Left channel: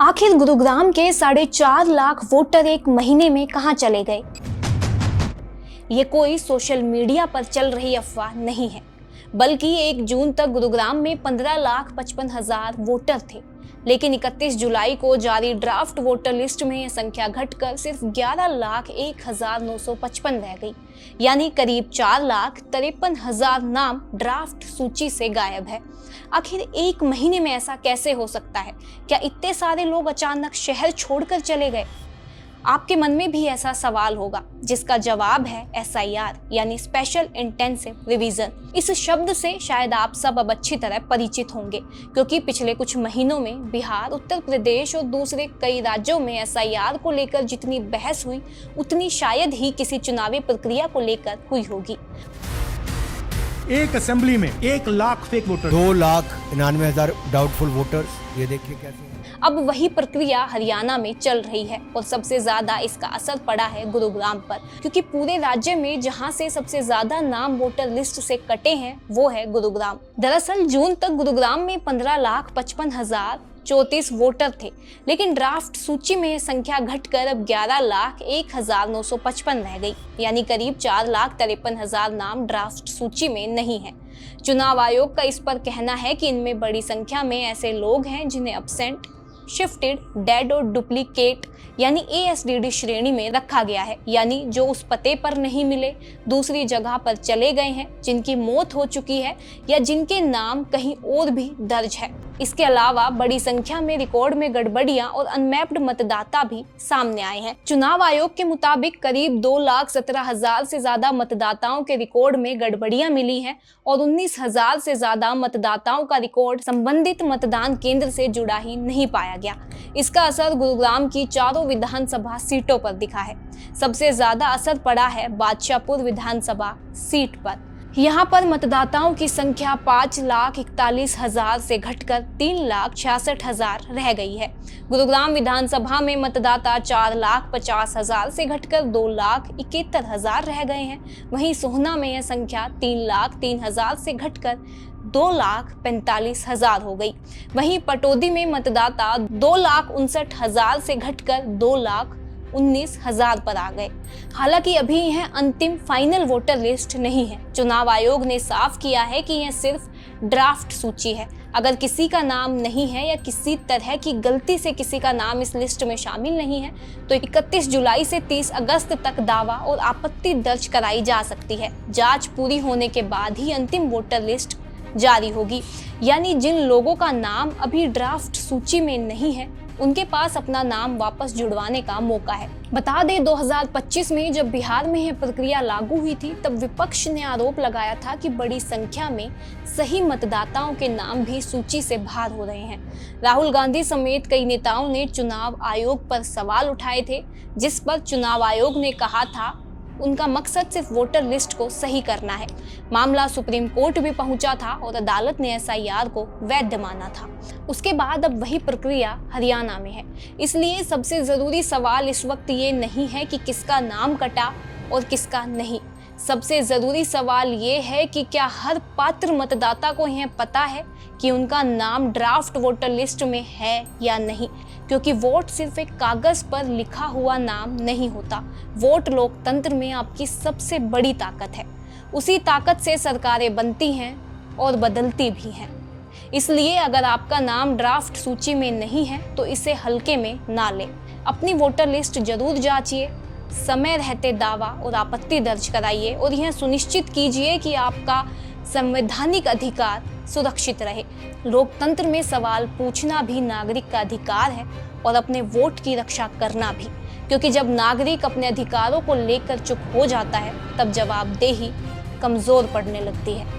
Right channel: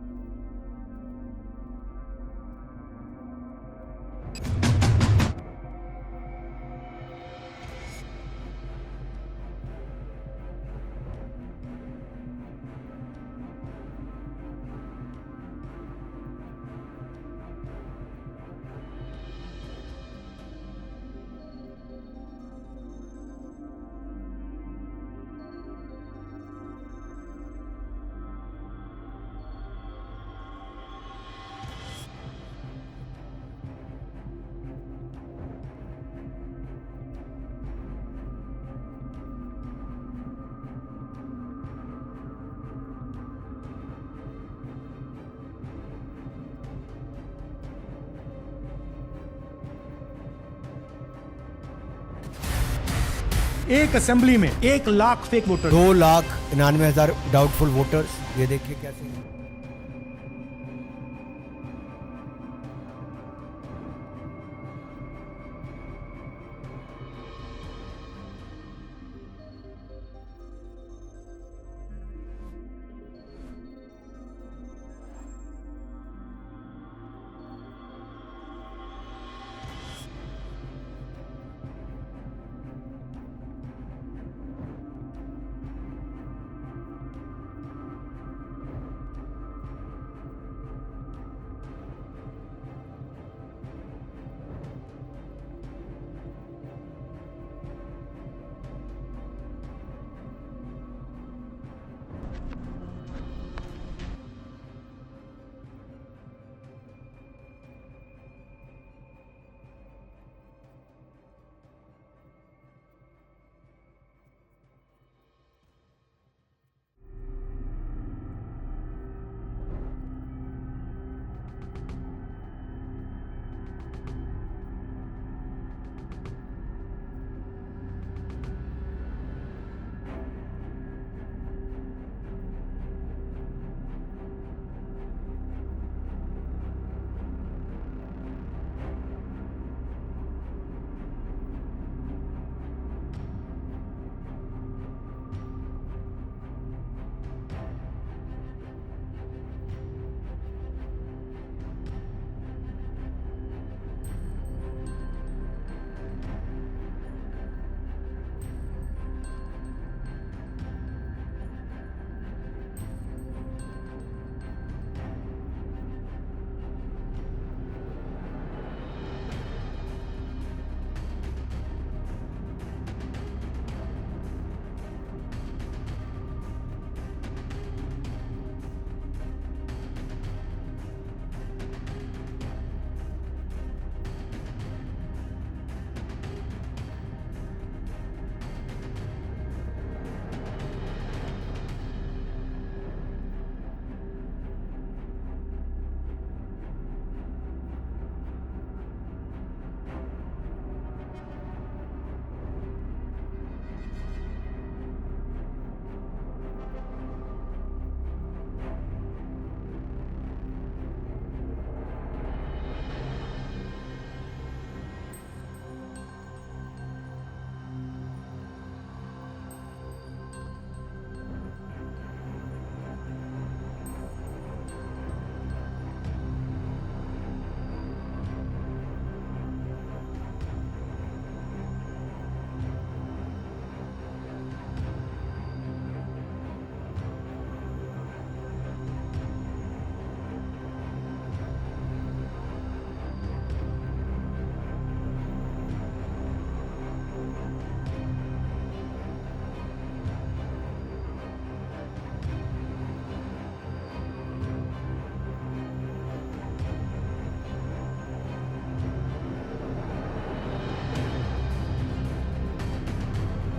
आखिर गुरुग्राम के 4.5 लाख वोटर एक महीने में कहां चले गए? ये कोई सोशल मीडिया पर चल रही अफवाह नहीं है, बल्कि 1 जून तक गुरुग्राम में 15,55,000 वोटर थे। लेकिन 31 जुलाई को जारी ड्राफ्ट वोटर लिस्ट में यह संख्या घटकर सिर्फ 11,01,955 रह गई, यानी करीब 4,53,000 नाम ड्राफ्ट सूची से गायब है। आखिर एक महीने में ऐसा कैसे हो सकता है? क्या इतने सारे लोग अचानक शहर छोड़कर चले गए? आपके मन में भी ऐसा सवाल होगा, जिसका जवाब है SIR यानी स्पेशल इंटेंसिव रिवीजन। इस शब्द से शायद आप सब अब अच्छी तरह परिचित होंगे, क्योंकि पिछले कुछ महीनों में बिहार, उत्तर प्रदेश और दूसरे कई राज्यों में SIR को लेकर जितनी बहस हुई, उतनी शायद ही किसी चुनावी प्रक्रिया को लेकर हुई होगी। एक असेंबली में 1 lakh fake voter, 2,99,000 doubtful voters, ये देखिए कैसे है। अब वही प्रक्रिया हरियाणा में चल रही है और सबसे ज्यादा इसका असर पड़ा है गुरुग्राम पर, क्योंकि पूरे राज्य में जहां से सबसे ज्यादा नाम वोटर लिस्ट से कटे हैं वो है गुरुग्राम। दरअसल जून तक गुरुग्राम में 15,55,034 वोटर थे, लेकिन ड्राफ्ट सूची में यह संख्या घटकर अब 11,01,955 रह गई, यानी करीब 4,53,000 नाम ड्राफ्ट सूची में नहीं है। चुनाव आयोग का इस पर कहना है कि इनमें बड़ी संख्या में ऐसे लोग हैं जिन्हें अब्सेंट, शिफ्टेड, डेड और डुप्लीकेट यानी ASDD श्रेणी में रखा गया है, यानी जो उस पते पर नहीं मिले, दूसरी जगह पर चले गए हैं, जिनकी मौत हो चुकी है या जिनके नाम कहीं और भी दर्ज है। इसके अलावा बड़ी संख्या में रिकॉर्ड में गड़बड़ियां और अनमैप्ड मतदाता भी सामने आए हैं। चुनाव आयोग के मुताबिक करीब 2,17,000 से ज्यादा मतदाताओं के रिकॉर्ड में गड़बड़ियां मिली हैं और 19,000 से ज्यादा मतदाताओं का रिकॉर्ड संबंधित मतदान केंद्र से जुड़ा ही नहीं पाया गया। इसका असर गुरुग्राम की चारों विधानसभा सीटों पर दिखा है। सबसे ज्यादा असर पड़ा है बादशाहपुर विधानसभा सीट पर। यहाँ पर मतदाताओं की संख्या 5,41,000 से घटकर 3,66,000 रह गई है। गुरुग्राम विधानसभा में मतदाता 4,50,000 से घटकर 2,71,000 रह गए हैं। वहीं सोहना में यह संख्या 3,03,000 से घटकर 2,45,000 हो गई। वहीं पटौदी में मतदाता 2,59,000 से घटकर 2,19,000 पर आ गए। हालांकि अभी यह अंतिम फाइनल वोटर लिस्ट नहीं है। चुनाव आयोग ने साफ किया है कि यह सिर्फ ड्राफ्ट सूची है। अगर किसी का नाम नहीं है या किसी तरह की गलती से किसी का नाम इस लिस्ट में शामिल नहीं है, तो 31 जुलाई से 30 अगस्त तक दावा और आपत्ति दर्ज कराई जा सकती है। जांच पूरी होने के बाद ही अंतिम वोटर लिस्ट जारी होगी, यानी जिन लोगों का नाम अभी ड्राफ्ट सूची में नहीं है, उनके पास अपना नाम वापस जुड़वाने का मौका है। बता दें 2025 में जब बिहार में यह प्रक्रिया लागू हुई थी, तब विपक्ष ने आरोप लगाया था कि बड़ी संख्या में सही मतदाताओं के नाम भी सूची से बाहर हो रहे हैं। राहुल गांधी समेत कई नेताओं ने चुनाव आयोग पर सवाल उठाए थे, जिस पर चुनाव आयोग ने कहा था उनका मकसद सिर्फ वोटर लिस्ट को सही करना है। मामला सुप्रीम कोर्ट भी पहुंचा था और अदालत ने SIR को वैध माना था। उसके बाद अब वही प्रक्रिया हरियाणा में है। इसलिए सबसे जरूरी सवाल इस वक्त ये नहीं है कि किसका नाम कटा और किसका नहीं। सबसे जरूरी सवाल ये है कि क्या हर पात्र मतदाता को यह पता है कि उनका नाम ड्राफ्ट वोटर लिस्ट में है या नहीं, क्योंकि वोट सिर्फ एक कागज पर लिखा हुआ नाम नहीं होता। वोट लोकतंत्र में आपकी सबसे बड़ी ताकत है। उसी ताकत से सरकारें बनती हैं और बदलती भी हैं। इसलिए अगर आपका नाम ड्राफ्ट सूची में नहीं है तो इसे हल्के में ना लें। अपनी वोटर लिस्ट जरूर जांचिए, समय रहते दावा और आपत्ति दर्ज कराइए और यह सुनिश्चित कीजिए कि आपका संवैधानिक अधिकार सुरक्षित रहे। लोकतंत्र में सवाल पूछना भी नागरिक का अधिकार है और अपने वोट की रक्षा करना भी, क्योंकि जब नागरिक अपने अधिकारों को लेकर चुप हो जाता है, तब जवाबदेही कमजोर पड़ने लगती है।